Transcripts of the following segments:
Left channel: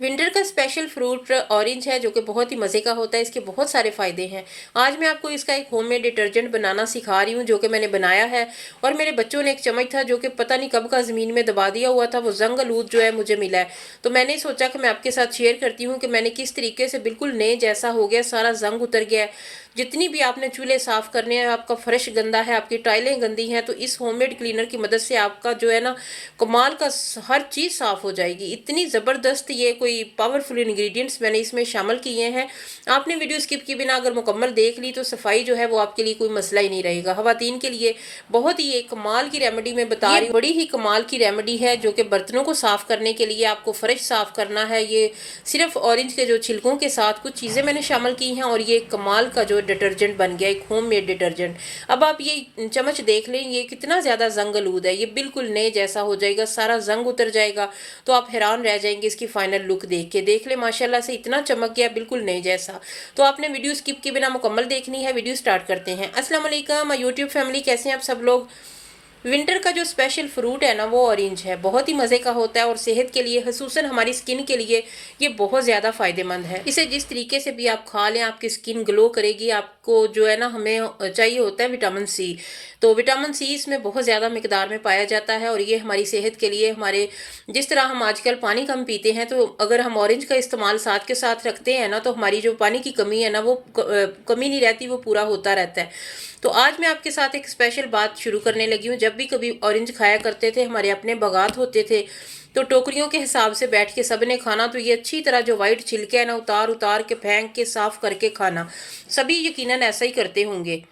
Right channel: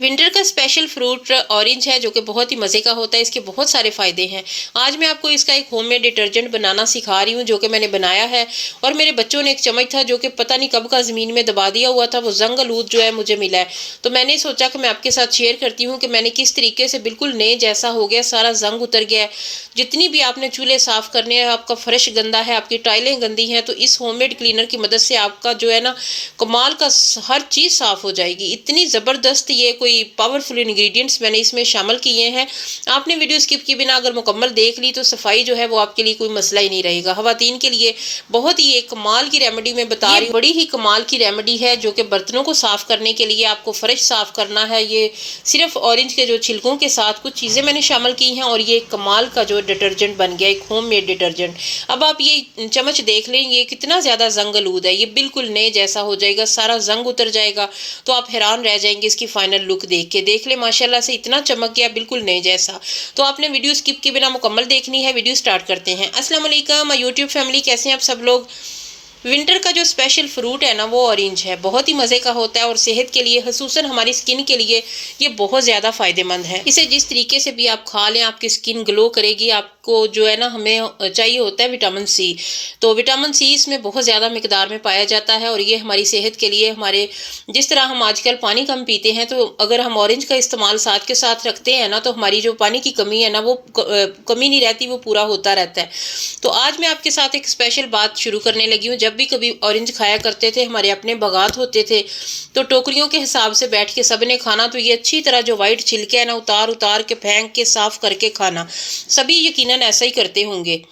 Winter का special fruit orange है जो कि बहुत ही मज़े का होता है। इसके बहुत सारे फ़ायदे हैं। आज मैं आपको इसका एक होममेड डिटर्जेंट बनाना सिखा रही हूँ जो कि मैंने बनाया है। और मेरे बच्चों ने एक चम्मच था जो कि पता नहीं कब का ज़मीन में दबा दिया हुआ था, वो जंग-आलूद जो है मुझे मिला है। तो मैंने सोचा कि मैं आपके साथ शेयर करती हूँ कि मैंने किस तरीके से बिल्कुल नए जैसा हो गया, सारा जंग उतर गया है। जितनी भी आपने चूल्हे साफ़ करने हैं, आपका फ़र्श गंदा है, आपकी टाइलें गंदी हैं, तो इस होममेड क्लीनर की मदद से आपका जो है ना कमाल का हर चीज़ साफ़ हो जाएगी। इतनी ज़बरदस्त ये कोई पावरफुल इंग्रेडिएंट्स मैंने इसमें शामिल किए हैं। आपने वीडियो स्किप किए बिना अगर मुकम्मल देख ली तो सफाई जो है वो आपके लिए कोई मसला ही नहीं रहेगा। ख़वातीन के लिए बहुत ही एक कमाल की रेमेडी मैं बता रही हूँ। बड़ी ही कमाल की रेमेडी है जो कि बर्तनों को साफ़ करने के लिए, आपको फ़र्श साफ़ करना है। ये सिर्फ ऑरेंज के जो छिलकों के साथ कुछ चीज़ें मैंने शामिल की हैं और ये कमाल का जो डिटर्जेंट बन गया, एक होममेड डिटर्जेंट। अब आप ये चम्मच देख लें, ये कितना ज़्यादा जंग-आलूद है। ये बिल्कुल नए जैसा हो जाएगा, सारा जंग उतर जाएगा। तो आप हैरान रह जाएंगे इसकी फाइनल लुक देख के। देख ले माशाल्लाह से इतना चमक गया, बिल्कुल नए जैसा। तो आपने वीडियो स्किप किए बिना मुकम्मल देखनी है। वीडियो स्टार्ट करते हैं। अस्सलाम वालेकुम यूट्यूब फैमिली, कैसे हैं आप सब लोग। विंटर का जो स्पेशल फ्रूट है ना वो ऑरेंज है। बहुत ही मज़े का होता है और सेहत के लिए, खसूसन हमारी स्किन के लिए ये बहुत ज़्यादा फ़ायदेमंद है। इसे जिस तरीके से भी आप खा लें आपकी स्किन ग्लो करेगी। आपको जो है ना, हमें चाहिए होता है विटामिन सी। तो विटामिन सी इसमें बहुत ज़्यादा मिकदार में पाया जाता है और ये हमारी सेहत के लिए, हमारे जिस तरह हम आजकल पानी कम पीते हैं, तो अगर हम ऑरेंज का इस्तेमाल साथ के साथ रखते हैं ना, तो हमारी जो पानी की कमी है ना वो कमी नहीं रहती, वो पूरा होता रहता है। तो आज मैं आपके साथ एक स्पेशल बात शुरू करने लगी हूँ। जब भी कभी ऑरेंज खाया करते थे, हमारे अपने बागात होते थे, तो टोकरियों के हिसाब से बैठ के सबने खाना। तो ये अच्छी तरह जो वाइट छिलके है ना, उतार उतार के फेंक के साफ करके खाना। सभी यकीनन ऐसा ही करते होंगे।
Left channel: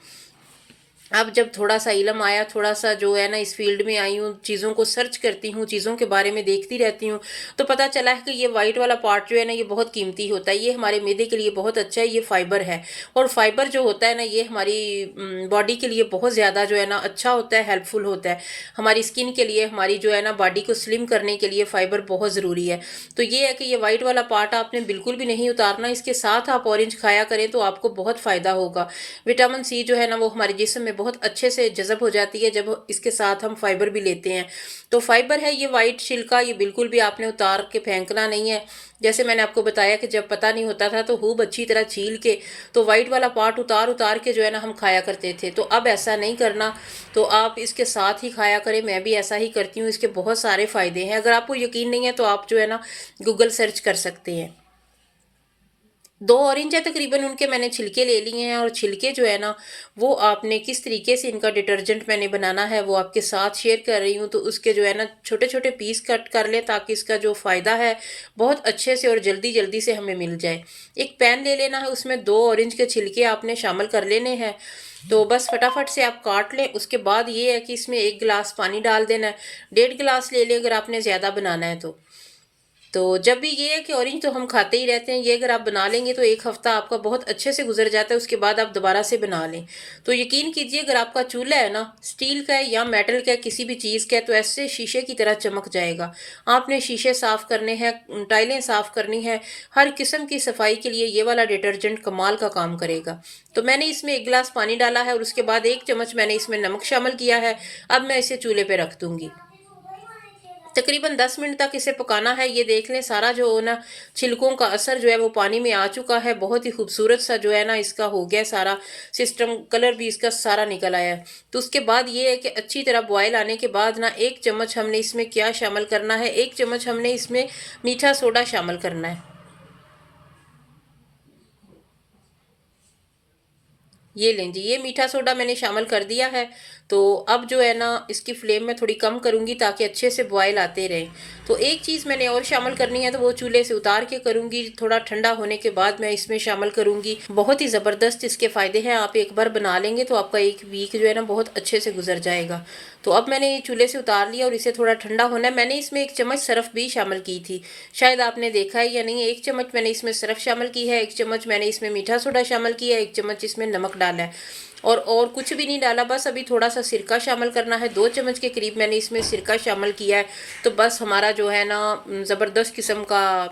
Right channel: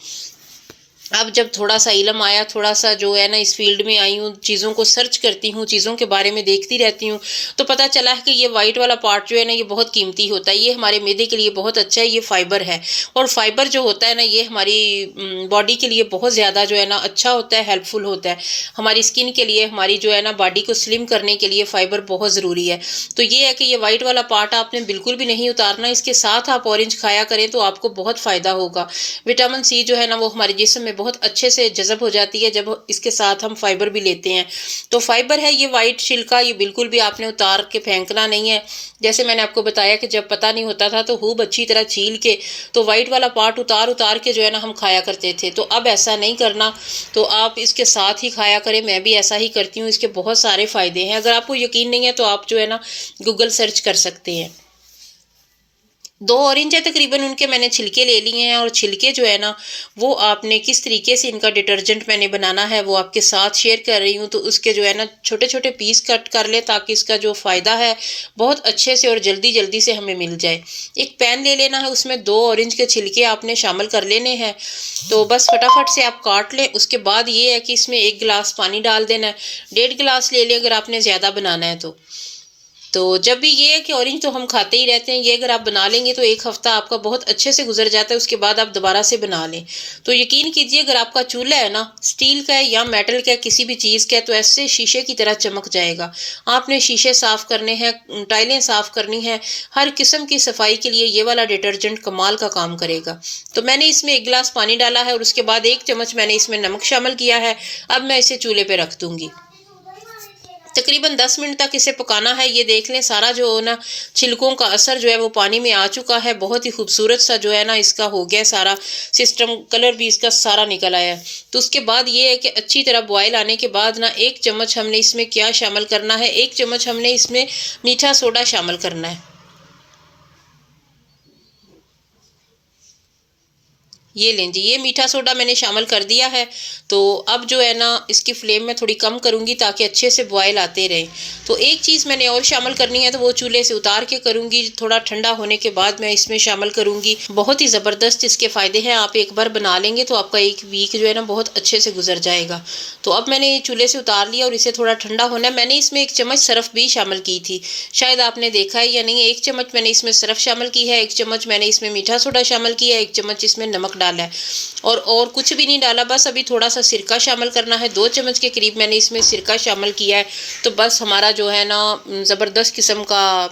अब जब थोड़ा सा इल्म आया, थोड़ा सा जो है ना इस फील्ड में आई हूँ, चीज़ों को सर्च करती हूँ, चीज़ों के बारे में देखती रहती हूँ, तो पता चला है कि ये वाइट वाला पार्ट जो है ना ये बहुत कीमती होता है। ये हमारे मैदे के लिए बहुत अच्छा है, ये फाइबर है। और फाइबर जो होता है ना, ये हमारी बॉडी के लिए बहुत ज़्यादा जो है ना अच्छा होता है, हेल्पफुल होता है। हमारी स्किन के लिए, हमारी जो है ना बॉडी को स्लिम करने के लिए फाइबर बहुत ज़रूरी है। तो ये है कि ये वाइट वाला पार्ट आपने बिल्कुल भी नहीं उतारना। इसके साथ आप ऑरेंज खाया करें तो आपको बहुत फ़ायदा होगा। विटामिन सी जो है ना वो हमारे जिस्म में बहुत अच्छे से जज़ब हो जाती है जब इसके साथ हम फाइबर भी लेते हैं। तो फाइबर है ये वाइट छिलका, ये बिल्कुल भी आपने उतार के फेंकना नहीं है। जैसे मैंने आपको बताया कि जब पता नहीं होता था तो खूब अच्छी तरह छील के, तो वाइट वाला पार्ट उतार उतार के जो है ना हम खाया करते थे। तो अब ऐसा नहीं करना, तो आप इसके साथ ही खाया करें। मैं भी ऐसा ही करती हूँ। इसके बहुत सारे फ़ायदे हैं। अगर आपको यकीन नहीं है तो आप जो है ना गूगल सर्च कर सकते हैं। 2 ऑरेंज है तकरीबन, उनके मैंने छिलके ले लिए हैं और छिलके जो है ना वो आपने किस तरीके से इनका डिटर्जेंट मैंने बनाना है वो आपके साथ शेयर कर रही हूँ। तो उसके जो है ना छोटे छोटे पीस कट कर लें ताकि इसका जो फ़ायदा है बहुत अच्छे से और जल्दी जल्दी से हमें मिल जाए। एक पैन ले लेना है, उसमें 2 ऑरेंज के छिलके आपने शामिल कर लेने हैं। तो बस फटाफट से आप काट लें। उसके बाद ये है कि इसमें 1 गिलास पानी डाल देना है। 1.5 गिलास ले लें अगर आपने ज़्यादा बनाना है तो। तो जब भी ये है कि ऑरेंज तो हम खाते ही रहते हैं, ये अगर आप बना लेंगे तो 1 हफ्ता आपका बहुत अच्छे से गुजर जाता है। उसके बाद आप दोबारा से बना लें। तो यकीन कीजिए अगर आपका चूल्हा है ना स्टील का है या मेटल का है, किसी भी चीज़ का है, तो ऐसे शीशे की तरह चमक जाएगा। आपने शीशे साफ़ करने हैं, टाइलें साफ़ करनी है, हर किस्म की सफाई के लिए ये वाला डिटर्जेंट कमाल का काम करेगा। तो मैंने इसमें 1 गिलास पानी डाला है और उसके बाद 1 चम्मच मैंने इसमें नमक शामिल किया है। अब मैं इसे चूल्हे पे रख दूंगी। तकरीबन 10 मिनट तक इसे पकाना है। ये देख लें सारा जो ना छिलकों का असर जो है वो पानी में आ चुका है। बहुत ही खूबसूरत सा जो है ना इसका हो गया सारा सिस्टम, कलर भी इसका सारा निकल आया है। तो उसके बाद ये है कि अच्छी तरह बॉयल आने के बाद ना 1 चम्मच हमने इसमें क्या शामिल करना है, 1 चम्मच हमने इसमें मीठा सोडा शामिल करना है। ये लें जी, ये मीठा सोडा मैंने शामिल कर दिया है। तो अब जो है ना इसकी फ्लेम मैं थोड़ी कम करूँगी ताकि अच्छे से बॉयल आते रहें। तो एक चीज़ मैंने और शामिल करनी है, तो वो चूल्हे से उतार के करूँगी। थोड़ा ठंडा होने के बाद मैं इसमें शामिल करूँगी। बहुत ही ज़बरदस्त इसके फ़ायदे हैं। आप एक बार बना लेंगे तो आपका 1 वीक जो है ना बहुत अच्छे से गुजर जाएगा। तो अब मैंने ये चूल्हे से उतार लिया और इसे थोड़ा ठंडा होना है। मैंने इसमें 1 चम्मच सरफ भी शामिल की थी। शायद आपने देखा है या नहीं। 1 चम्मच मैंने इसमें सरफ शामिल की है, 1 चम्मच मैंने इसमें मीठा सोडा शामिल किया है, 1 चम्मच इसमें नमक डाला है। और कुछ भी नहीं डाला। बस अभी थोड़ा सा सिरका शामिल करना है। 2 चम्मच के करीब मैंने इसमें सिरका शामिल किया है। तो बस हमारा जो है ना ज़बरदस्त किस्म का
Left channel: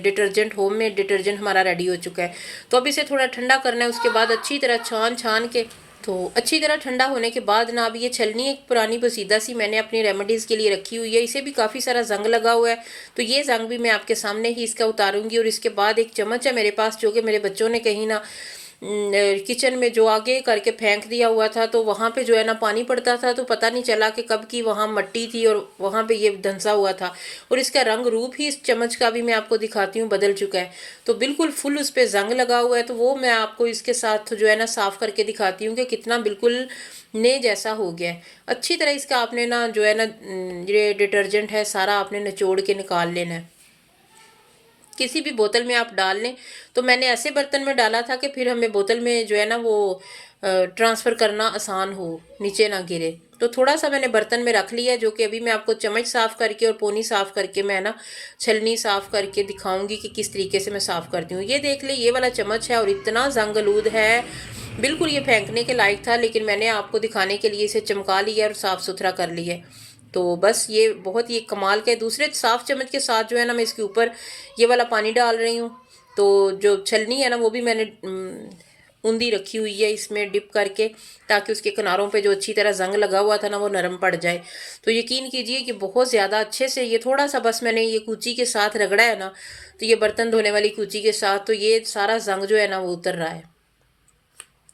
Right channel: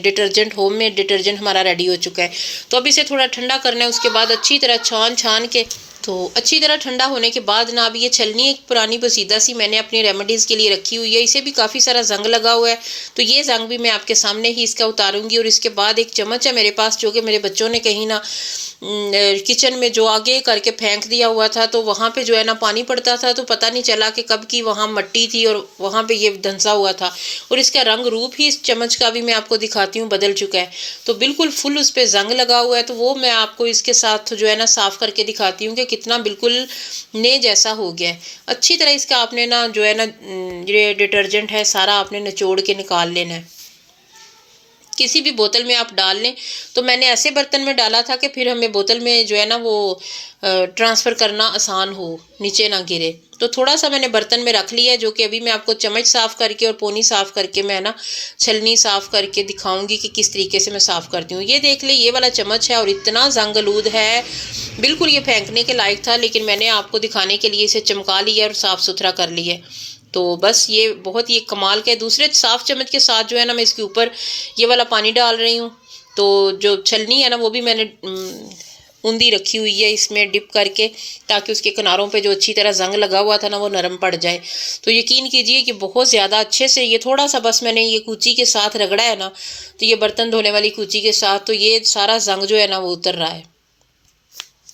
डिटर्जेंट, होममेड डिटर्जेंट हमारा रेडी हो चुका है। तो अब इसे थोड़ा ठंडा करना है। उसके बाद अच्छी तरह छान छान के तो अच्छी तरह ठंडा होने के बाद ना, अब ये छलनी एक पुरानी बसीदा सी मैंने अपनी रेमेडीज़ के लिए रखी हुई है, इसे भी काफ़ी सारा जंग लगा हुआ है। तो ये जंग भी मैं आपके सामने ही इसका उतारूंगी। और इसके बाद एक चम्मच है मेरे पास जो कि मेरे बच्चों ने कहीं ना किचन में जो आगे करके फेंक दिया हुआ था, तो वहाँ पे जो है ना पानी पड़ता था, तो पता नहीं चला कि कब की वहाँ मट्टी थी और वहाँ पे ये धंसा हुआ था। और इसका रंग रूप ही इस चम्मच का भी मैं आपको दिखाती हूँ बदल चुका है। तो बिल्कुल फुल उस पर जंग लगा हुआ है, तो वो मैं आपको इसके साथ जो है ना साफ़ करके दिखाती हूँ कि कितना बिल्कुल ने जैसा हो गया है। अच्छी तरह इसका आपने ना जो है ना ये डिटर्जेंट है सारा आपने निचोड़ के निकाल लेना है। किसी भी बोतल में आप डाल लें। तो मैंने ऐसे बर्तन में डाला था कि फिर हमें बोतल में जो है ना वो ट्रांसफ़र करना आसान हो, नीचे ना गिरे। तो थोड़ा सा मैंने बर्तन में रख लिया है, जो कि अभी मैं आपको चम्मच साफ़ करके और पोनी साफ़ करके मैं ना छलनी साफ़ करके दिखाऊंगी कि किस तरीके से मैं साफ़ करती हूँ। ये देख ले, ये वाला चम्मच है और इतना जंगलूद है, बिल्कुल ये फेंकने के लायक था, लेकिन मैंने आपको दिखाने के लिए इसे चमका लिया और साफ़ सुथरा कर लिया। तो बस ये बहुत ही कमाल का है। दूसरे साफ़ चम्मच के साथ जो है ना मैं इसके ऊपर ये वाला पानी डाल रही हूँ। तो जो छलनी है ना वो भी मैंने ऊंधी रखी हुई है इसमें डिप करके, ताकि उसके किनारों पे जो अच्छी तरह जंग लगा हुआ था ना वो नरम पड़ जाए। तो यकीन कीजिए कि बहुत ज़्यादा अच्छे से ये थोड़ा सा बस मैंने ये कूची के साथ रगड़ा है ना, तो ये बर्तन धोने वाली कूची के साथ, तो ये सारा जंग जो है ना वो उतर रहा है।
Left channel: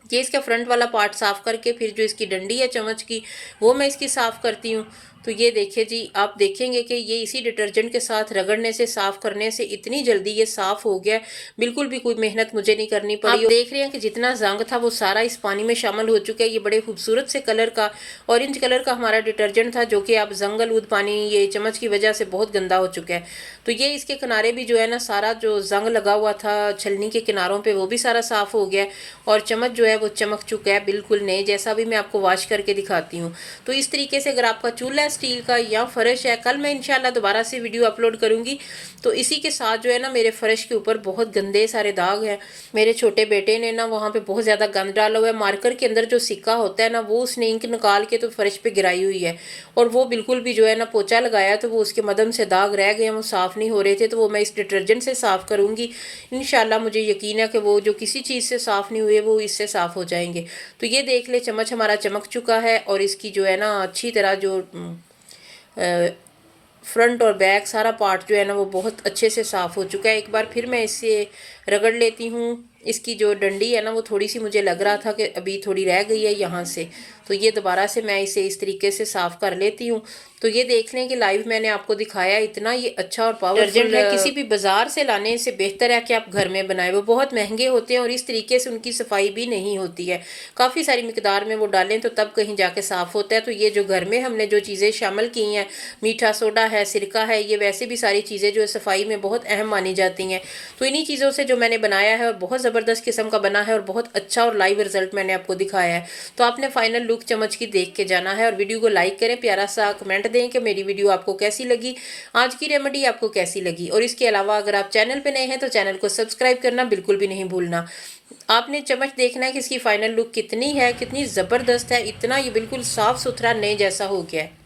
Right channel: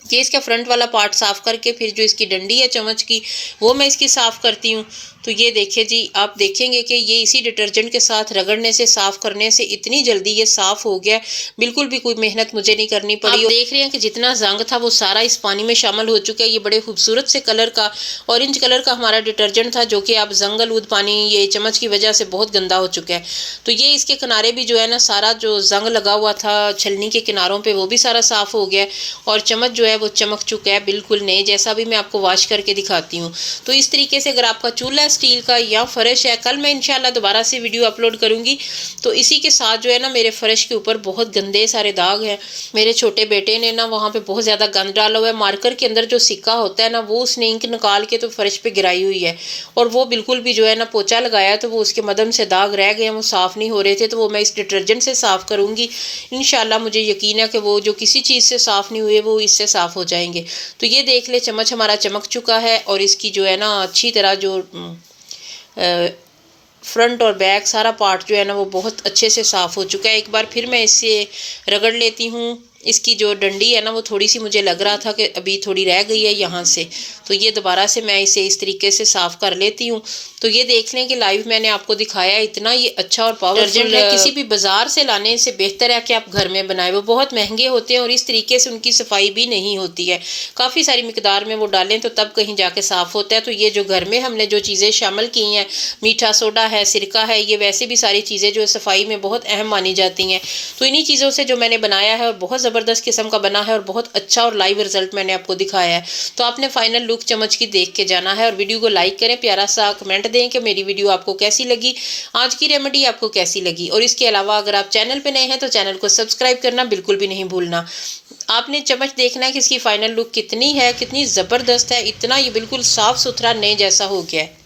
ये इसका फ्रंट वाला पार्ट साफ़ करके फिर जो इसकी डंडी है चम्मच की वो मैं इसकी साफ़ करती हूँ। तो ये देखिए जी, आप देखेंगे कि ये इसी डिटर्जेंट के साथ रगड़ने से, साफ़ करने से इतनी जल्दी ये साफ़ हो गया, बिल्कुल भी कोई मेहनत मुझे नहीं करनी पड़ी। आप देख रहे हैं कि जितना जंग था वो सारा इस पानी में शामिल हो चुका है। ये बड़े खूबसूरत से कलर का ऑरेंज कलर का हमारा डिटर्जेंट था, जो कि अब जंगलूद पानी ये चम्मच की वजह से बहुत गंदा हो चुका है। तो ये इसके किनारे भी जो है ना सारा जो जंग लगा हुआ था छलनी के किनारों पर वो भी सारा साफ़ हो गया और चम्मच जो है वो चमक चुका है बिल्कुल नए जैसा। भी मैं आपको वॉश करके दिखाती हूँ। तो इस तरीके से अगर आपका चूल्हा स्टील का या फर्श है, कल मैं इंशाल्लाह दोबारा से वीडियो अपलोड करूँगी। तो इसी के साथ जो है ना मेरे फर्श के ऊपर बहुत गंदे सारे दाग हैं। मेरे छोटे बेटे ने ना वहाँ पे बहुत ज़्यादा गंद डाला हुआ है। मार्कर के अंदर जो सिक्का होता है ना वो उसने इंक निकाल के तो फर्श पे गिराई हुई है, और वो बिल्कुल भी जो है ना पोछा लगाया तो वो उसके मदम से दाग रह गए, वो साफ़ नहीं हो रहे थे। तो वो मैं इस डिटर्जेंट से साफ़ करूँगी इंशाल्लाह। मुझे यकीन है कि वो जो किसी चीज़ से साफ़ नहीं हुए वो इससे साफ़ हो जाएंगे। तो ये देख ले, चम्मच हमारा चमक चुका है और इसकी जो है ना अच्छी तरह जो फ्रंट और बैक सारा पार्ट जो है ना वो बहुत अच्छे से साफ़ हो चुका है। एक बार फिर मैं इससे रगड़ लेती हूँ। इसकी जो डंडी है ना वो थोड़ी सी मुझे लग रहा था कि अभी थोड़ी रह गई है यहाँ से, तो ये दोबारा से मैं इसे इस तरीके से साफ़ कर लेती हूँ। तो ये देख लें कि लाइव मैंने आपको दिखाया, इतना ये अच्छा और पावरफुल है। किसी भी बाज़ार से लाने से बेहतर है कि आप घर में बनाएं। वो बहुत महंगे होते हैं और इस तरीके से उनकी सफाई भी नहीं होती है। काफ़ी सारी मिकदार में वो डालें तो तब कहीं जाके साफ़ होता है। तो ये जो घर में हमने जो चीज़ें शामिल की हैं, मीठा सोडा है, सिरका है, ये वैसे भी सारी चीज़ें जो सफाई में बहुत अहम मानी जाती हैं। तो इन्हीं चीज़ों से जो मैंने बनाया है बहुत ज़बरदस्त किस्म का बना है और बहुत अच्छा और लाइव रिजल्ट मैंने आपको दिखाया है। तो आपने फाइनल लुक चम्मच की देख के जाना है और वीडियो को लाइक करें, प्यारा सा कमेंट दें कि मेरी वीडियो आपको कैसी लगी, आज की रेमेडी आपको कैसी लगी। और इसके अलावा अगर आप चैनल पे नए हैं तो चैनल को सब्सक्राइब करना बिल्कुल भी नहीं भूलना। आपने चम्मच देखना है कि इसकी फाइनल लुक कितनी है, कितनी ज़बरदस्त है। इतना ये बिल्कुल साफ़ सुथरा नए जैसा हो गया है।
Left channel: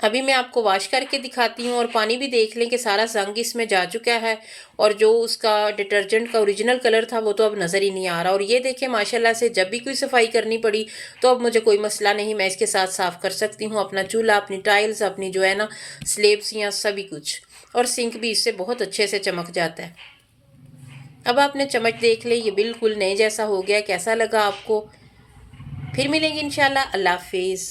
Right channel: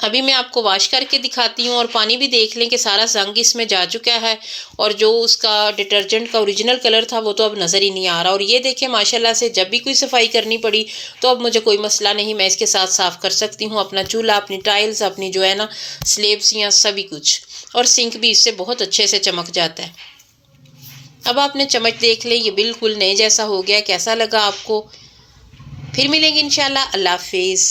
अभी मैं आपको वॉश करके दिखाती हूँ और पानी भी देख लें कि सारा जंग इसमें जा चुका है और जो उसका डिटर्जेंट का ओरिजिनल कलर था वो तो अब नज़र ही नहीं आ रहा। और ये देखें माशाल्लाह से जब भी कोई सफाई करनी पड़ी तो अब मुझे कोई मसला नहीं, मैं इसके साथ साफ़ कर सकती हूँ अपना चूल्हा, अपनी टाइल्स, अपनी जो है ना स्लेब्स या सभी कुछ। और सिंक भी इससे बहुत अच्छे से चमक जाता है। अब आपने चम्मच देख लें, ये बिल्कुल नए जैसा हो गया। कैसा लगा आपको? फिर मिलेंगे इंशाल्लाह। अल्लाह हाफिज़।